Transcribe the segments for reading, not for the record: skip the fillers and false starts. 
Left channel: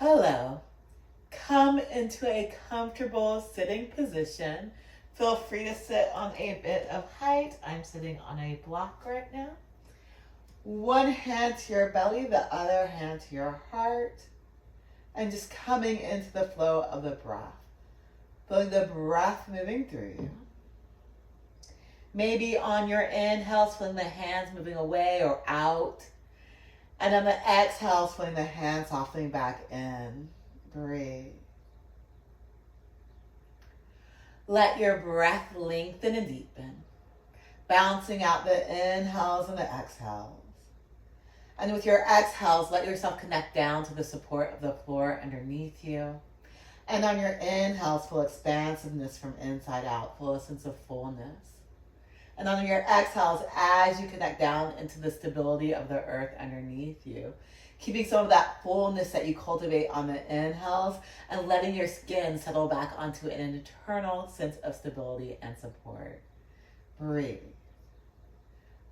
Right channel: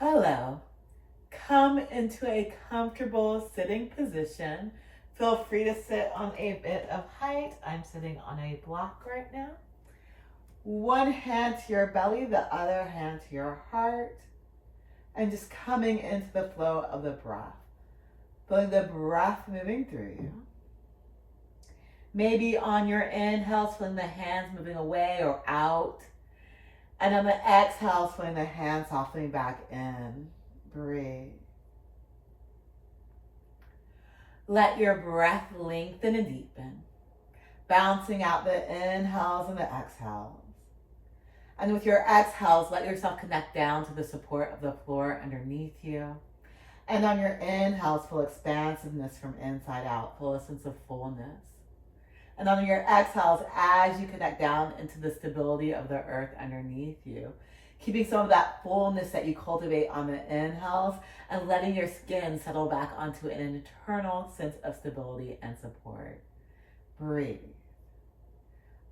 Hello. Come into a comfortable sitting position. Feel free to sit on a bit of height. I'm sitting on a block right now. One hand to your belly, the other hand to your heart. And just coming into the flow of the breath. Feeling the breath moving through you. Maybe on your inhales, feeling the hands moving away or out. And on the exhale, feeling the hands softening back in. Breathe. Let your breath lengthen and deepen, balancing out the inhales and the exhales. And with your exhales, let yourself connect down to the support of the floor underneath you. And on your inhales, feel expansiveness from inside out, feel a sense of fullness. And on your exhales, as you connect down into the stability of the earth underneath you, keeping some of that fullness that you cultivate on the inhales and letting your skin settle back onto an internal sense of stability and support. Breathe.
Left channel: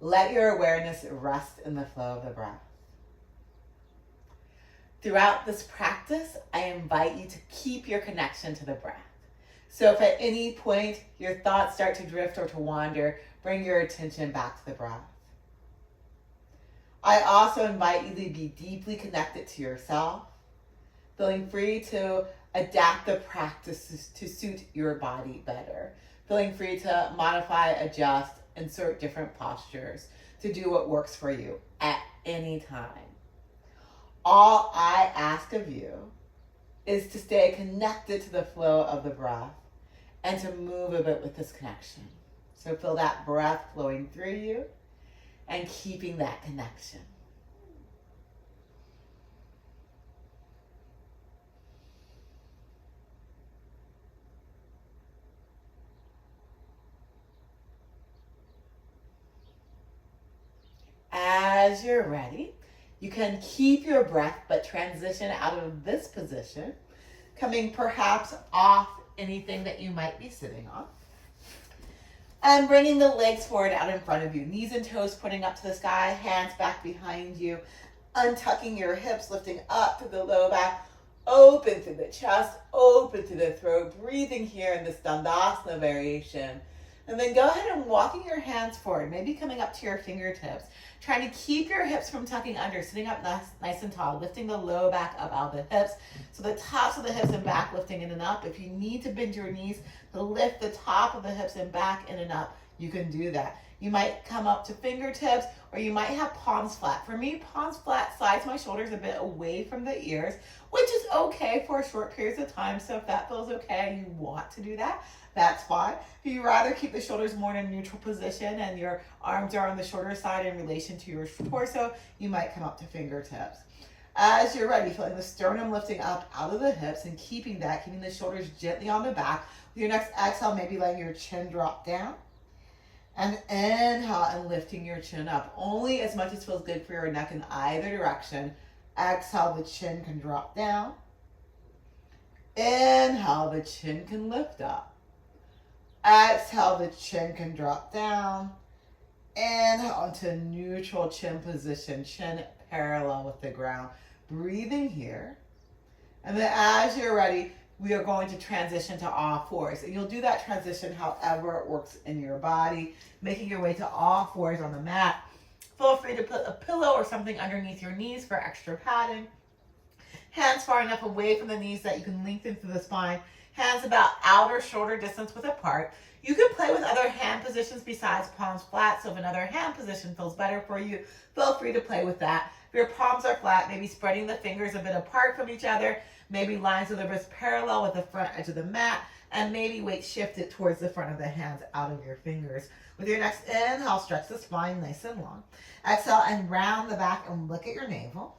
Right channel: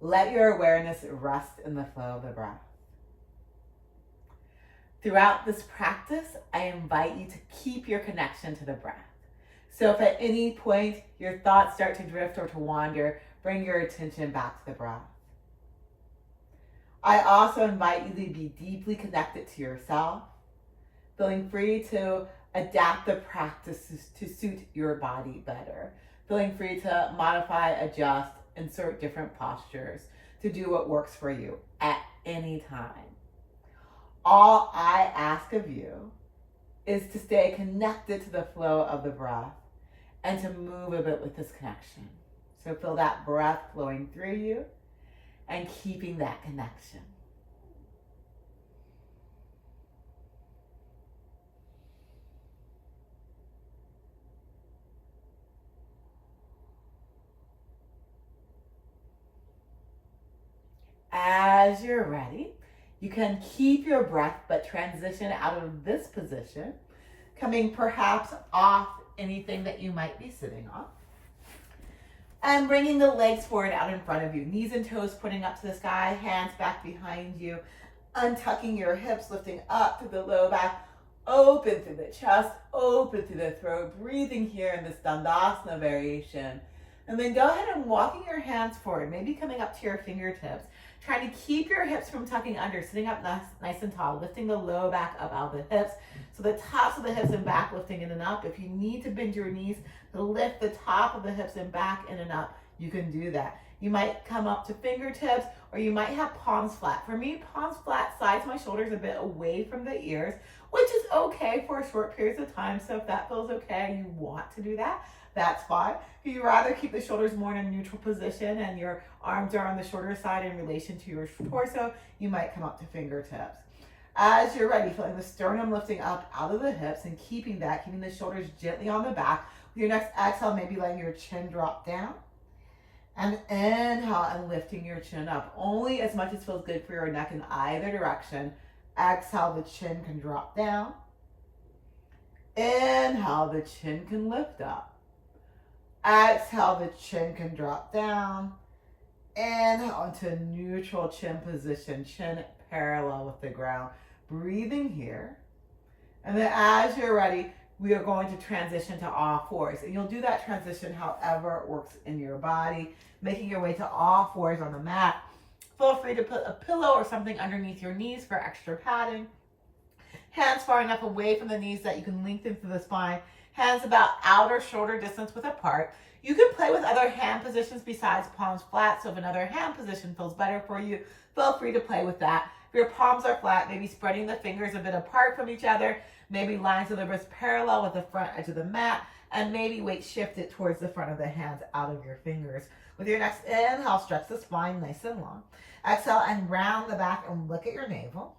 Let your awareness rest in the flow of the breath. Throughout this practice, I invite you to keep your connection to the breath. So if at any point your thoughts start to drift or to wander, bring your attention back to the breath. I also invite you to be deeply connected to yourself, feeling free to adapt the practices to suit your body better, feeling free to modify, adjust, insert different postures to do what works for you at any time. All I ask of you is to stay connected to the flow of the breath and to move a bit with this connection. So feel that breath flowing through you and keeping that connection. As you're ready, you can keep your breath but transition out of this position, coming perhaps off anything that you might be sitting on. And bringing the legs forward out in front of you, knees and toes pointing up to the sky, hands back behind you, untucking your hips, lifting up through the low back, open through the chest, open through the throat, breathing here in this Dandasana variation. And then go ahead and walking your hands forward, maybe coming up to your fingertips, trying to keep your hips from tucking under, sitting up nice and tall, lifting the low back up out of the hips. So the tops of the hips and back lifting in and up. If you need to bend your knees to lift the top of the hips and back in and up, you can do that. You might come up to fingertips, or you might have palms flat. For me, palms flat, sides my shoulders a bit away from the ears, which is okay for short periods of time. So if that feels okay, you want to do that, that's fine. If you'd rather keep the shoulders more in a neutral position and your arms are on the shorter side in relation to your torso, you might come up to fingertips. As you're ready, feeling the sternum lifting up out of the hips and keeping the shoulders gently on the back. With your next exhale, maybe letting your chin drop down. And inhale and lifting your chin up, only as much as feels good for your neck in either direction. Exhale, the chin can drop down. Inhale, the chin can lift up. Exhale, the chin can drop down. Inhale into neutral chin position, chin parallel with the ground. Breathing here. And then as you're ready, we are going to transition to all fours. And you'll do that transition however it works in your body, making your way to all fours on the mat. Feel free to put a pillow or something underneath your knees for extra padding. Hands far enough away from the knees that you can lengthen through the spine. Hands about outer shoulder distance width apart. You can play with other hand positions besides palms flat. So if another hand position feels better for you, feel free to play with that. If your palms are flat, maybe spreading the fingers a bit apart from each other. Maybe lines of the wrist parallel with the front edge of the mat. And maybe weight shifted towards the front of the hands out of your fingers. With your next inhale, stretch the spine nice and long. Exhale and round the back and look at your navel.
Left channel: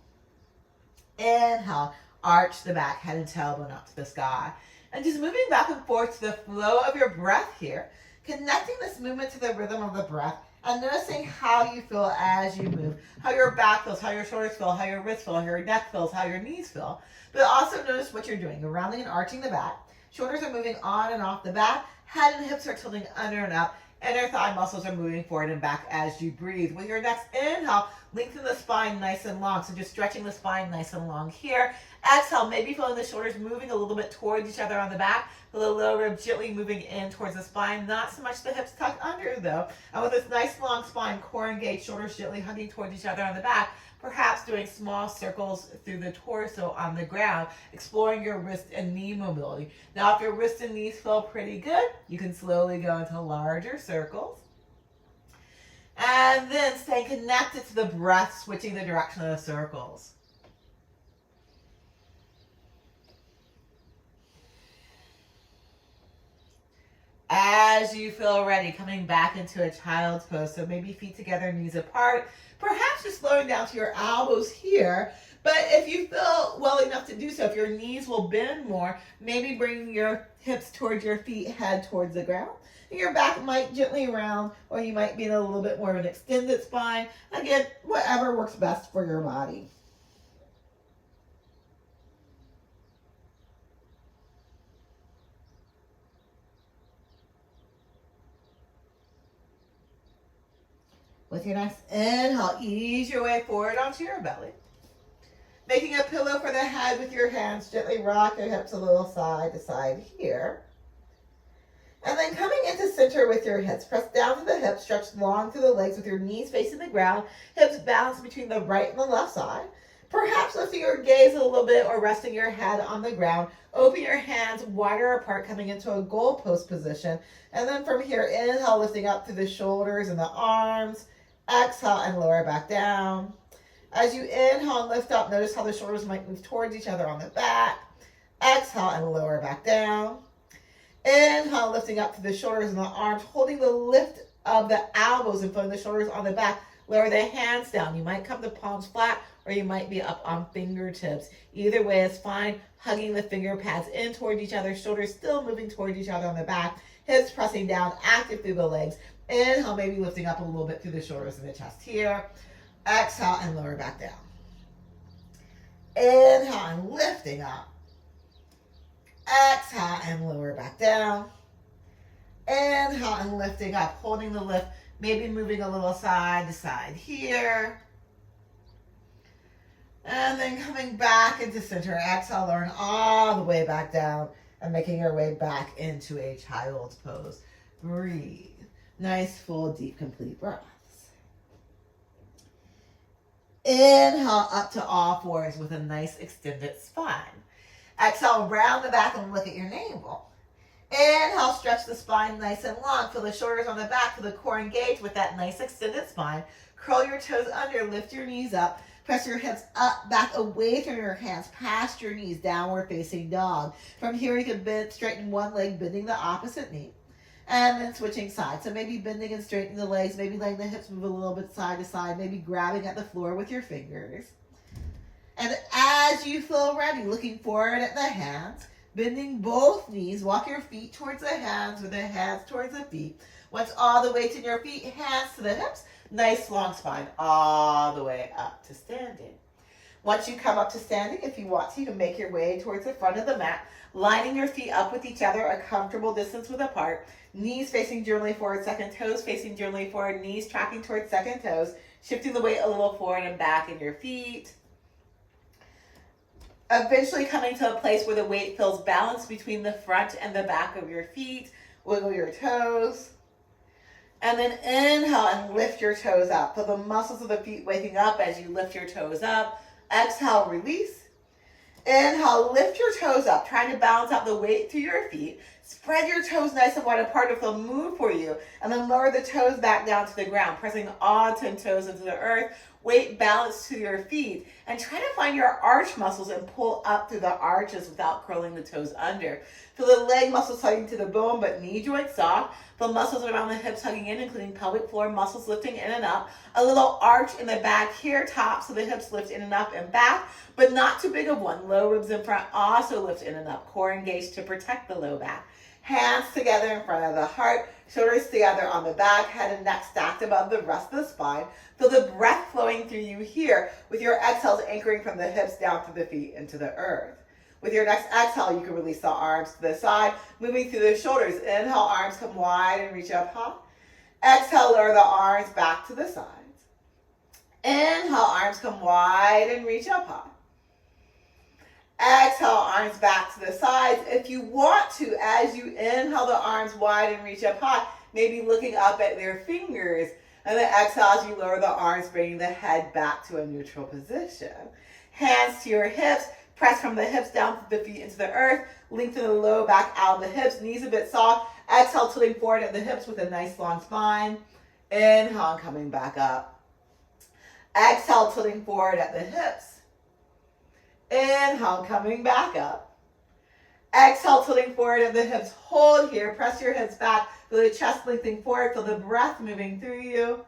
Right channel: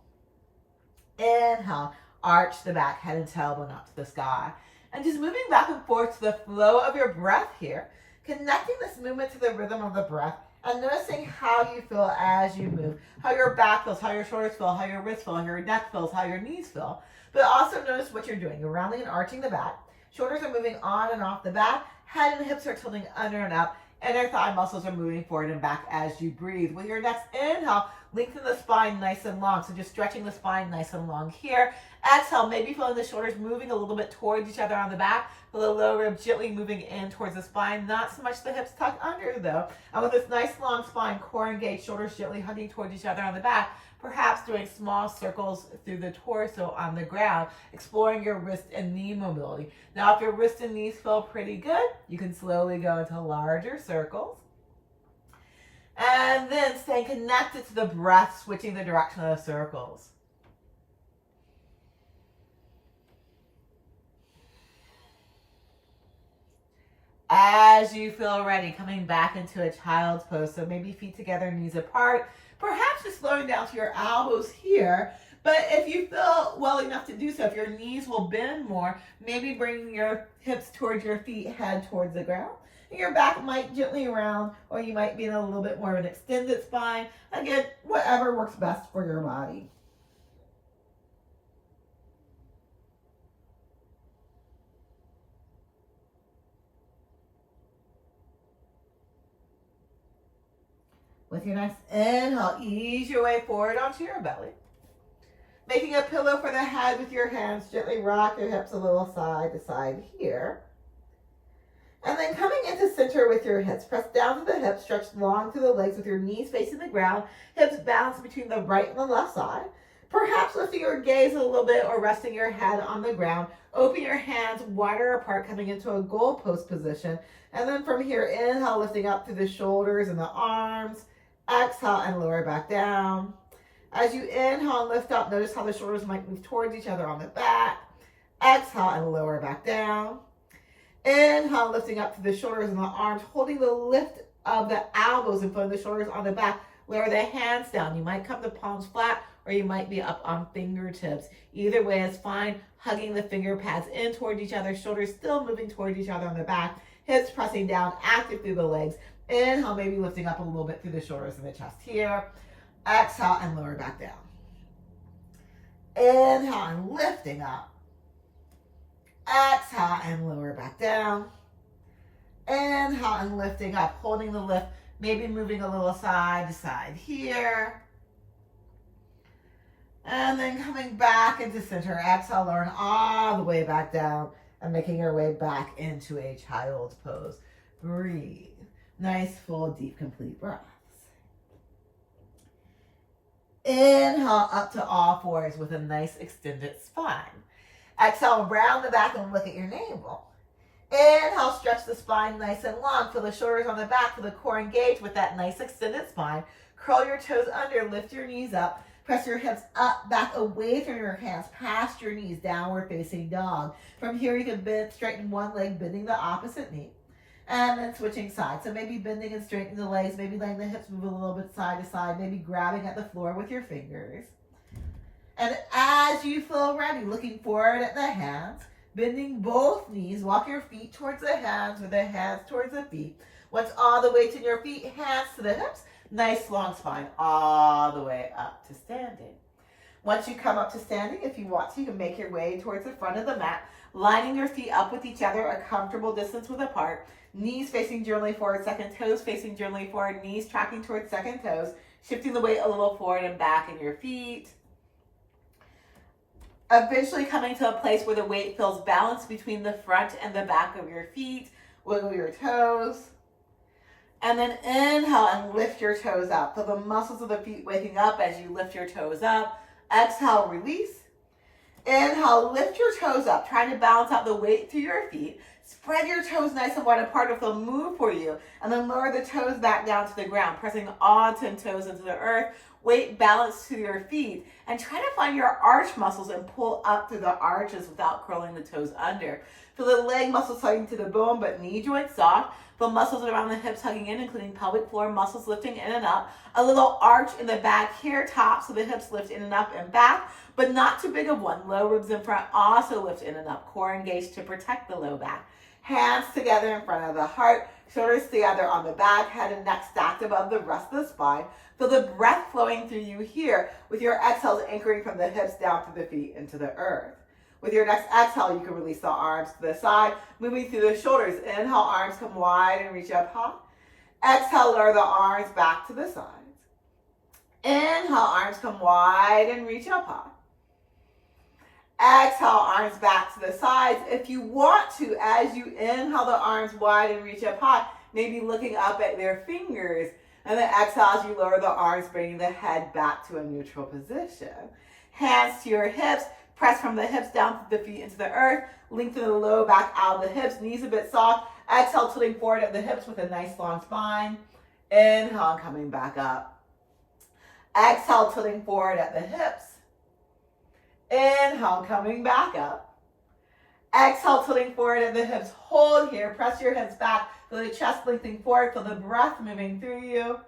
Inhale, arch the back, head and tailbone up to the sky. And just moving back and forth to the flow of your breath here, connecting this movement to the rhythm of the breath and noticing how you feel as you move, how your back feels, how your shoulders feel, how your wrists feel, how your neck feels, how your knees feel. But also notice what you're doing. You're rounding and arching the back. Shoulders are moving on and off the back. Head and hips are tilting under and up. Inner thigh muscles are moving forward and back as you breathe. With your next inhale, lengthen the spine nice and long. So just stretching the spine nice and long here. Exhale, maybe feeling the shoulders moving a little bit towards each other on the back. Feel the lower rib gently moving in towards the spine. Not so much the hips tucked under though. And with this nice long spine, core engaged, shoulders gently hugging towards each other on the back. Perhaps doing small circles through the torso on the ground, exploring your wrist and knee mobility. Now, if your wrist and knees feel pretty good, you can slowly go into larger circles. And then staying connected to the breath, switching the direction of the circles. As you feel ready, coming back into a child's pose. So maybe feet together, knees apart. Perhaps just slowing down to your elbows here. But if you feel well enough to do so, if your knees will bend more, maybe bringing your hips towards your feet, head towards the ground. And your back might gently round, or you might be in a little bit more of an extended spine. Again, whatever works best for your body. With your next inhale, ease your way forward onto your belly. Making a pillow for the head with your hands, gently rock your hips a little side to side here. And then coming into center with your hips, press down to the hips, stretch long through the legs with your knees facing the ground, hips balanced between the right and the left side. Perhaps lifting your gaze a little bit or resting your head on the ground. Open your hands wider apart, coming into a goalpost position. And then from here, inhale, lifting up through the shoulders and the arms. Exhale and lower back down. As you inhale and lift up, notice how the shoulders might move towards each other on the back. Exhale and lower back down. Inhale, lifting up through the shoulders and the arms, holding the lift of the elbows and putting the shoulders on the back. Lower the hands down. You might come to palms flat, or you might be up on fingertips. Either way is fine. Hugging the finger pads in toward each other, shoulders still moving toward each other on the back, hips pressing down, active through the legs. Inhale, maybe lifting up a little bit through the shoulders and the chest here. Exhale and lower back down. Inhale and lifting up. Exhale and lower back down. Inhale and lifting up, holding the lift, maybe moving a little side to side here. And then coming back into center. Exhale, lowering all the way back down and making your way back into a child's pose. Breathe. Nice, full, deep, complete breaths. Inhale up to all fours with a nice extended spine. Exhale, round the back and look at your navel. Inhale, stretch the spine nice and long. Feel the shoulders on the back, feel the core engaged with that nice extended spine. Curl your toes under, lift your knees up. Press your hips up, back away from your hands, past your knees, downward facing dog. From here, you can bend, straighten one leg, bending the opposite knee. And then switching sides. So maybe bending and straightening the legs, maybe letting the hips move a little bit side to side, maybe grabbing at the floor with your fingers. And as you feel ready, looking forward at the hands, bending both knees, walk your feet towards the hands or the hands towards the feet. Once all the weight in your feet, hands to the hips, nice long spine all the way up to standing. Once you come up to standing, if you want to, you can make your way towards the front of the mat, lining your feet up with each other, a comfortable distance width apart. Knees facing generally forward, second toes facing generally forward, knees tracking towards second toes, shifting the weight a little forward and back in your feet. Eventually coming to a place where the weight feels balanced between the front and the back of your feet. Wiggle your toes. And then inhale and lift your toes up. Feel the muscles of the feet waking up as you lift your toes up. Exhale, release. Inhale, lift your toes up, trying to balance out the weight through your feet. Spread your toes nice and wide apart if they'll move for you. And then lower the toes back down to the ground, pressing all 10 toes into the earth. Weight balance to your feet. And try to find your arch muscles and pull up through the arches without curling the toes under. Feel the leg muscles hugging to the bone, but knee joints soft. Feel muscles around the hips hugging in, including pelvic floor muscles lifting in and up. A little arch in the back here, top, so the hips lift in and up and back, but not too big of one. Low ribs in front also lift in and up. Core engaged to protect the low back. Hands together in front of the heart, shoulders together on the back, head and neck stacked above the rest of the spine. Feel the breath flowing through you here, with your exhales anchoring from the hips down through the feet into the earth. With your next exhale, you can release the arms to the side, moving through the shoulders. Inhale, arms come wide and reach up high. Exhale, lower the arms back to the sides. Inhale, arms come wide and reach up high. Exhale, arms back to the sides. If you want to, as you inhale the arms wide and reach up high, maybe looking up at their fingers. And then exhale as you lower the arms, bringing the head back to a neutral position. Hands to your hips. Press from the hips down to the feet into the earth. Lengthen the low back out of the hips. Knees a bit soft. Exhale, tilting forward at the hips with a nice long spine. Inhale, coming back up. Exhale, tilting forward at the hips. Inhale, coming back up. Exhale, tilting forward at the hips. Hold here. Press your hips back. Feel the chest lengthening forward. Feel the breath moving through you.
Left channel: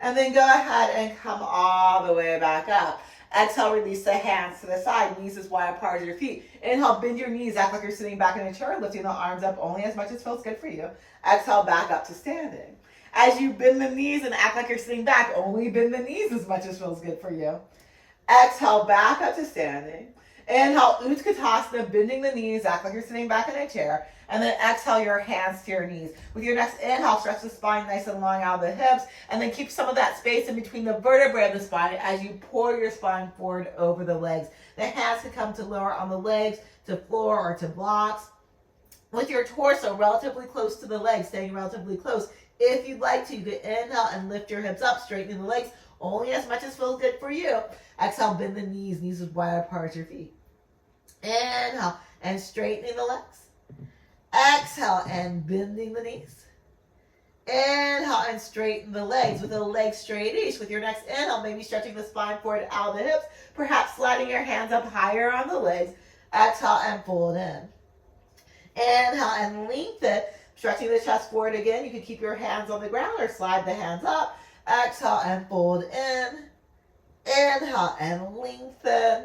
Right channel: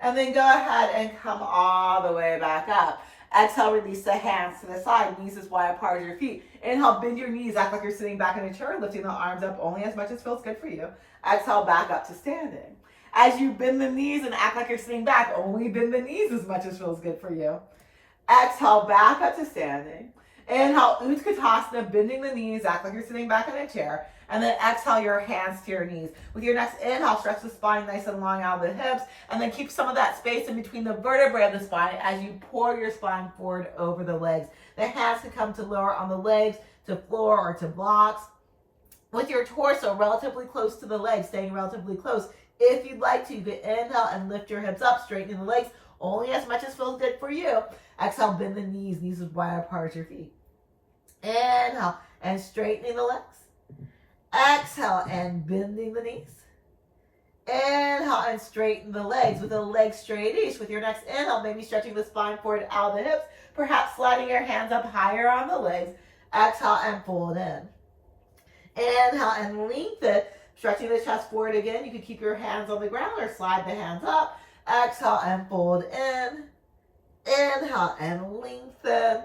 And then go ahead and come all the way back up. Exhale, release the hands to the side. Knees as wide apart as your feet. Inhale, bend your knees. Act like you're sitting back in a chair, lifting the arms up only as much as feels good for you. Exhale, back up to standing. As you bend the knees and act like you're sitting back, only bend the knees as much as feels good for you. Exhale, back up to standing. Inhale, Utkatasana, bending the knees, act like you're sitting back in a chair. And then exhale your hands to your knees. With your next inhale, stretch the spine nice and long out of the hips. And then keep some of that space in between the vertebrae of the spine as you pour your spine forward over the legs. The hands can come to lower on the legs, to floor, or to blocks. With your torso relatively close to the legs, staying relatively close. If you'd like to, you can inhale and lift your hips up, straightening the legs only as much as feels good for you. Exhale, bend the knees, knees as wide apart as your feet. Inhale, and straightening the legs. Exhale, and bending the knees. Inhale, and straighten the legs with the legs straight-ish. With your next inhale, maybe stretching the spine forward out of the hips, perhaps sliding your hands up higher on the legs. Exhale, and fold in. Inhale, and lengthen, stretching the chest forward again. You can keep your hands on the ground or slide the hands up. Exhale, and fold in. Inhale, and lengthen.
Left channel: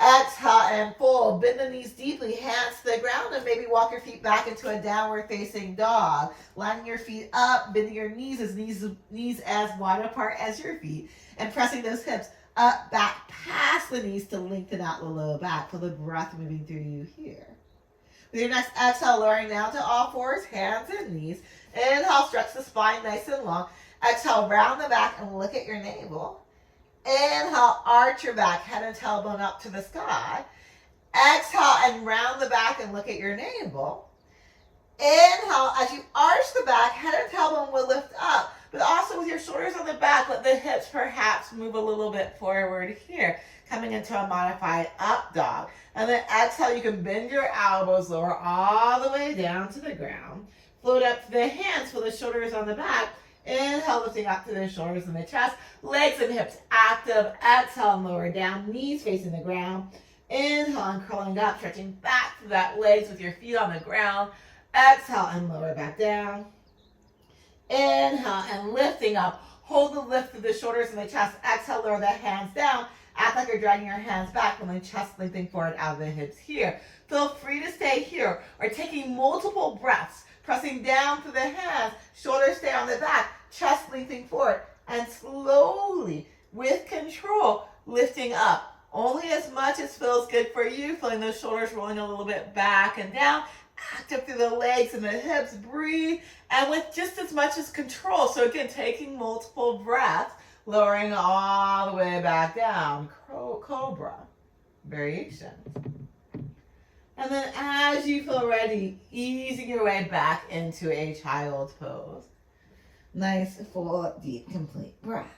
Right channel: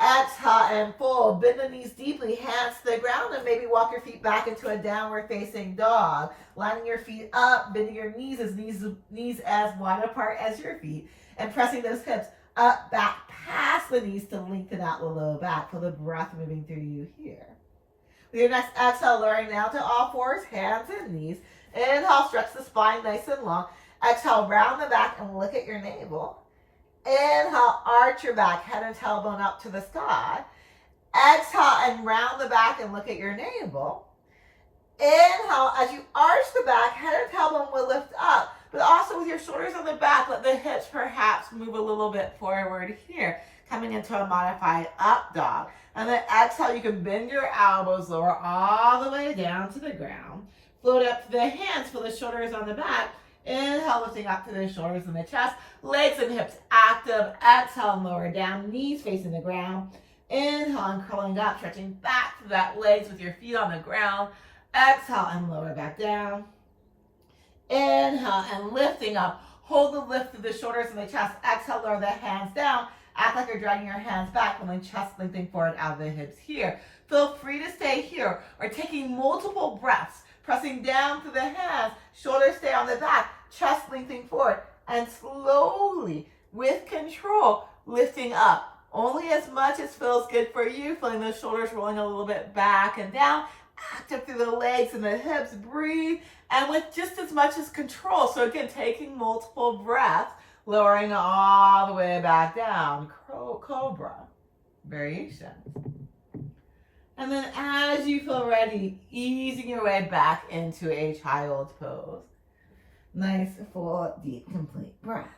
Exhale and fold. Bend the knees deeply, hands to the ground, and maybe walk your feet back into a downward facing dog. Lining your feet up, bending your knees as wide apart as your feet, and pressing those hips up, back, past the knees to lengthen out the low back. Feel the breath moving through you here. With your next exhale, lowering down to all fours, hands and knees. Inhale, stretch the spine nice and long. Exhale, round the back and look at your navel. Inhale, arch your back, head and tailbone up to the sky. Exhale and round the back and look at your navel. Inhale, as you arch the back, head and tailbone will lift up, but also with your shoulders on the back, let the hips perhaps move a little bit forward here, coming into a modified up dog. And then exhale, you can bend your elbows, lower all the way down to the ground. Float up to the hands, feel the shoulders on the back. Inhale, lifting up to the shoulders and the chest. Legs and hips active. Exhale and lower down. Knees facing the ground. Inhale and curling up, stretching back to that legs with your feet on the ground. Exhale and lower back down. Inhale and lifting up. Hold the lift through the shoulders and the chest. Exhale, lower the hands down. Act like you're dragging your hands back, and then chest lengthening forward out of the hips here. Feel free to stay here or taking multiple breaths. Pressing down through the hands, shoulders stay on the back, chest lengthening forward, and slowly, with control, lifting up. Only as much as feels good for you, feeling those shoulders rolling a little bit back and down, active through the legs and the hips, breathe, and with just as much as control. So again, taking multiple breaths, lowering all the way back down, cobra variation. And then as you feel ready, easing your way back into a child's pose. Nice, full, deep, complete breaths.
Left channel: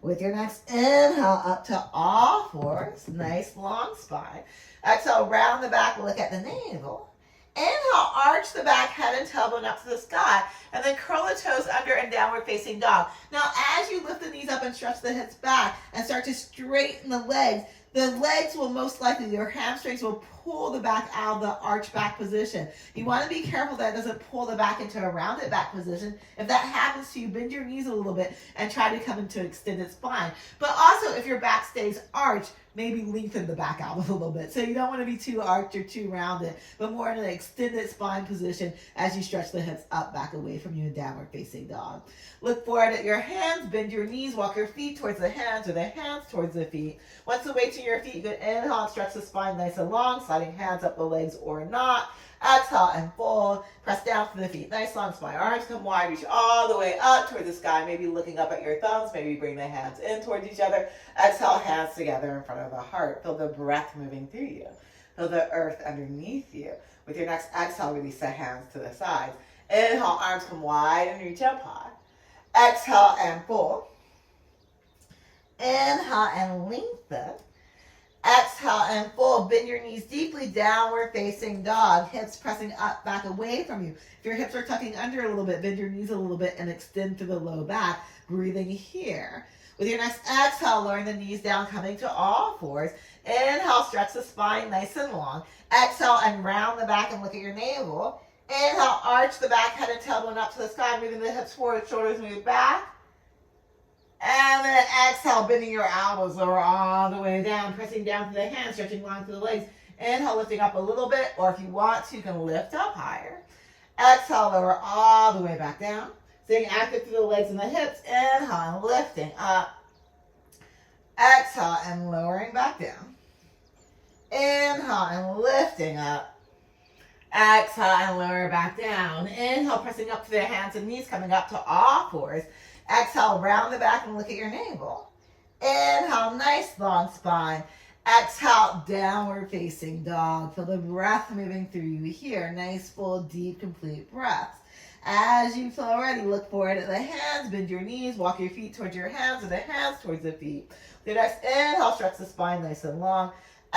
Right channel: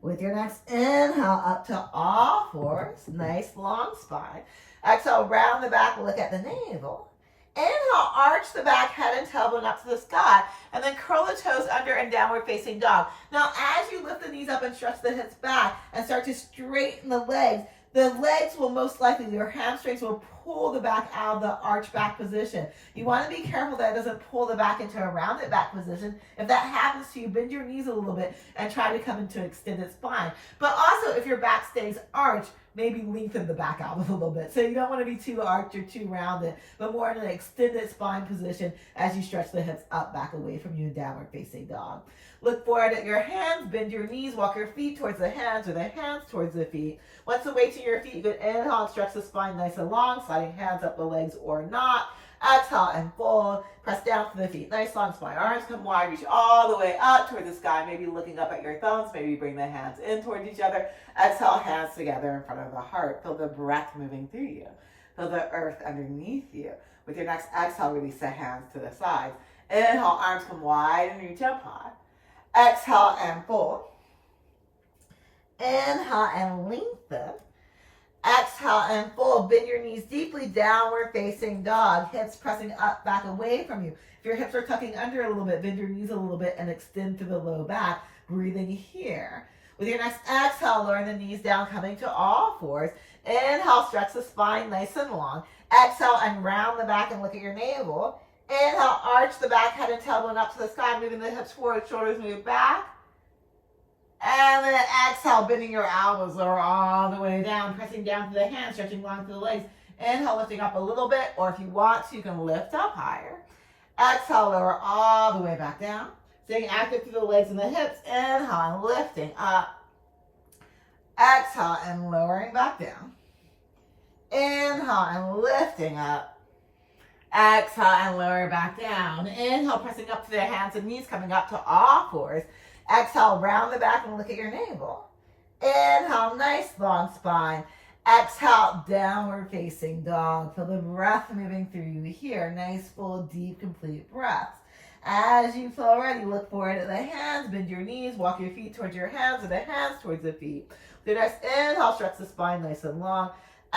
With your next inhale, up to all fours. Nice, long spine. Exhale, round the back, look at the navel. Inhale, arch the back, head and tailbone up to the sky. And then curl the toes under and downward facing dog. Now, as you lift the knees up and stretch the hips back and start to straighten the legs will most likely, your hamstrings will pull the back out of the arch back position. You want to be careful that it doesn't pull the back into a rounded back position. If that happens to you, bend your knees a little bit and try to come into an extended spine. But also, if your back stays arched, maybe lengthen the back out a little bit. So you don't want to be too arched or too rounded, but more in an extended spine position as you stretch the hips up, back away from you in downward facing dog. Look forward at your hands, bend your knees, walk your feet towards the hands or the hands towards the feet. Once the weight to your feet, you can inhale and stretch the spine nice and long, slide sliding hands up the legs or not. Exhale and fold. Press down to the feet. Nice long spine. Arms come wide. Reach all the way up toward the sky. Maybe looking up at your thumbs. Maybe bring the hands in towards each other. Exhale, hands together in front of the heart. Feel the breath moving through you. Feel the earth underneath you. With your next exhale, release the hands to the sides. Inhale, arms come wide and reach up high. Exhale and fold. Inhale and lengthen. Exhale and fold. Bend your knees deeply, downward facing dog. Hips pressing up, back away from you. If your hips are tucking under a little bit, bend your knees a little bit and extend to the low back. Breathing here. With your next exhale, lowering the knees down, coming to all fours. Inhale, stretch the spine nice and long. Exhale and round the back and look at your navel. Inhale, arch the back, head and tailbone up to the sky, moving the hips forward, shoulders move back. And then exhale, bending your elbows, lower all the way down, pressing down to the hands, stretching long through the legs. Inhale, lifting up a little bit, or if you want to, you can lift up higher. Exhale, lower all the way back down. Staying active through the legs and the hips. Inhale, and lifting up. Exhale, and lowering back down. Inhale, and lifting up. Exhale, and lower back down. Inhale, pressing up to the hands and knees, coming up to all fours. Exhale, round the back and look at your navel. Inhale, nice long spine. Exhale, downward facing dog. Feel the breath moving through you here. Nice, full, deep, complete breaths. As you feel ready, look forward at the hands, bend your knees, walk your feet towards your hands and the hands towards the feet. The next inhale, stretch the spine nice and long.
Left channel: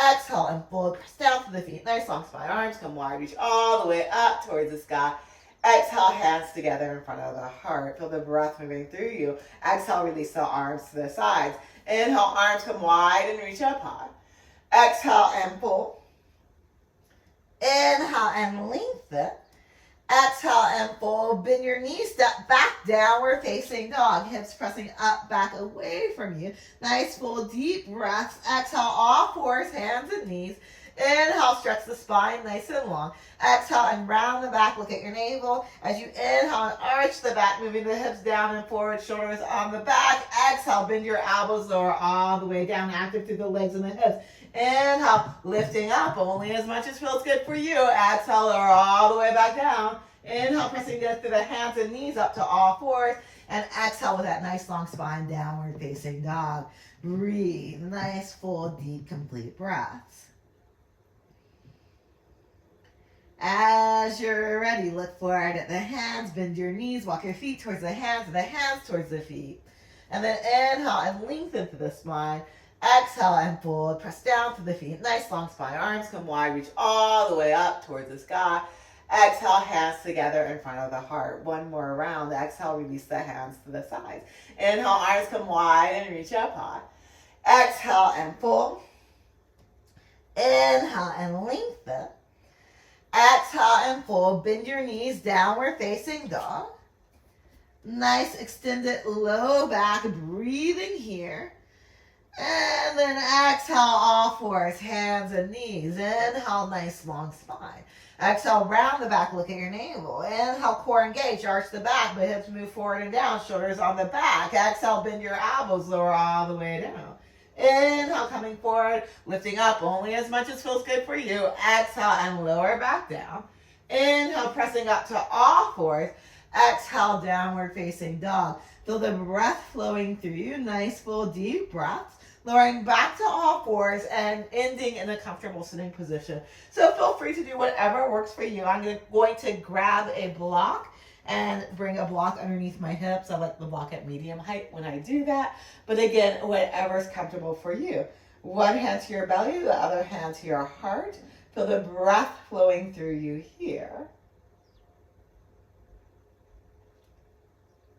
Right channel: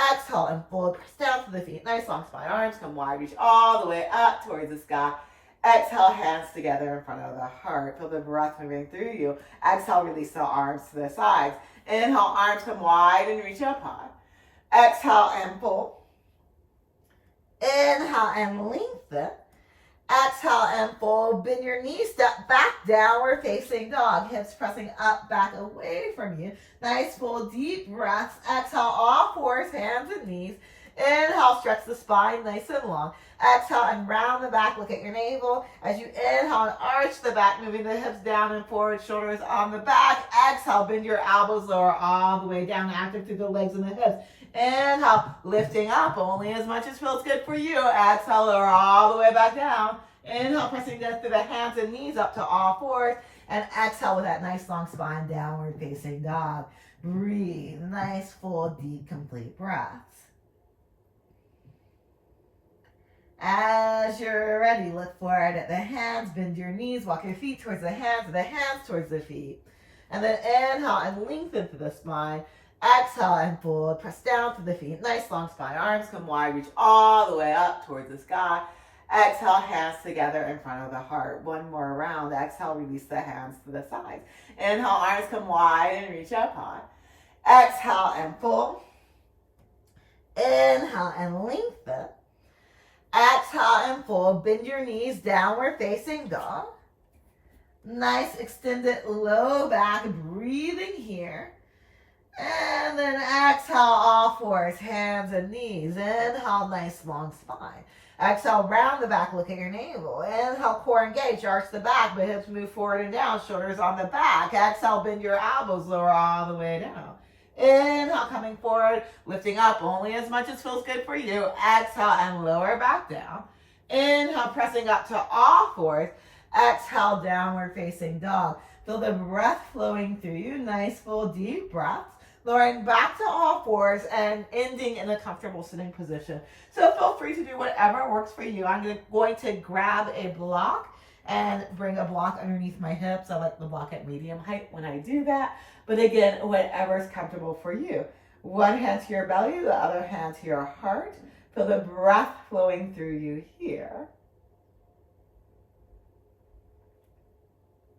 Exhale and fold, press down to the feet. Nice long spine, arms come wide, reach all the way up towards the sky. Exhale, hands together in front of the heart. Feel the breath moving through you. Exhale, release the arms to the sides. Inhale, arms come wide and reach up high. Exhale and fold. Inhale and lengthen. Exhale and fold. Bend your knees, step back, downward facing dog. Hips pressing up, back, away from you. Nice, full, deep breaths. Exhale, all fours, hands and knees. Inhale, stretch the spine nice and long. Exhale and round the back, look at your navel. As you inhale and arch the back, moving the hips down and forward, shoulders on the back. Exhale, bend your elbows lower all the way down, active through the legs and the hips. Inhale, lifting up only as much as feels good for you. Exhale, lower all the way back down. Inhale, pressing down through the hands and knees up to all fours. And exhale with that nice long spine, downward facing dog. Breathe, nice, full, deep, complete breaths. As you're ready, look forward at the hands, bend your knees, walk your feet towards the hands and the hands towards the feet. And then inhale and lengthen through the spine. Exhale and fold, press down to the feet. Nice long spine, arms come wide, reach all the way up towards the sky. Exhale, hands together in front of the heart. One more round. Exhale, release the hands to the sides. Inhale, arms come wide and reach up high. Exhale and fold. Inhale and lengthen. Exhale and fold. Bend your knees, downward facing dog. Nice extended low back, breathing here. And then exhale, all fours, hands and knees. Inhale, nice long spine. Exhale, round the back, look at your navel. Inhale, core engage, arch the back, but hips move forward and down, shoulders on the back. Exhale, bend your elbows, lower all the way down. Inhale, coming forward, lifting up only as much as feels good for you. Exhale and lower back down. Inhale, pressing up to all fours. Exhale, downward facing dog. Feel the breath flowing through you. Nice, full, deep breaths. Lowering back to all fours and ending in a comfortable sitting position. So feel free to do whatever works for you. I'm going to grab a block and bring a block underneath my hips. I like the block at medium height when I do that. But again, whatever's comfortable for you. One hand to your belly, the other hand to your heart. Feel the breath flowing through you here.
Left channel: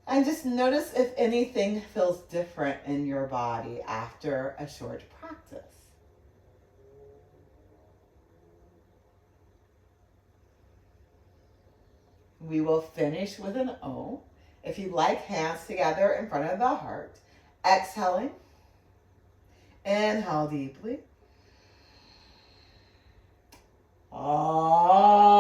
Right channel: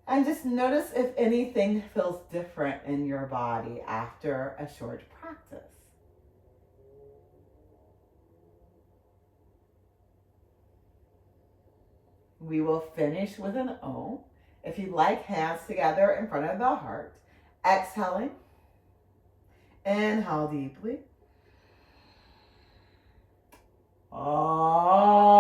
And just notice if anything feels different in your body after a short practice. We will finish with an O. If you like, hands together in front of the heart. Exhaling. Inhale deeply. Oh.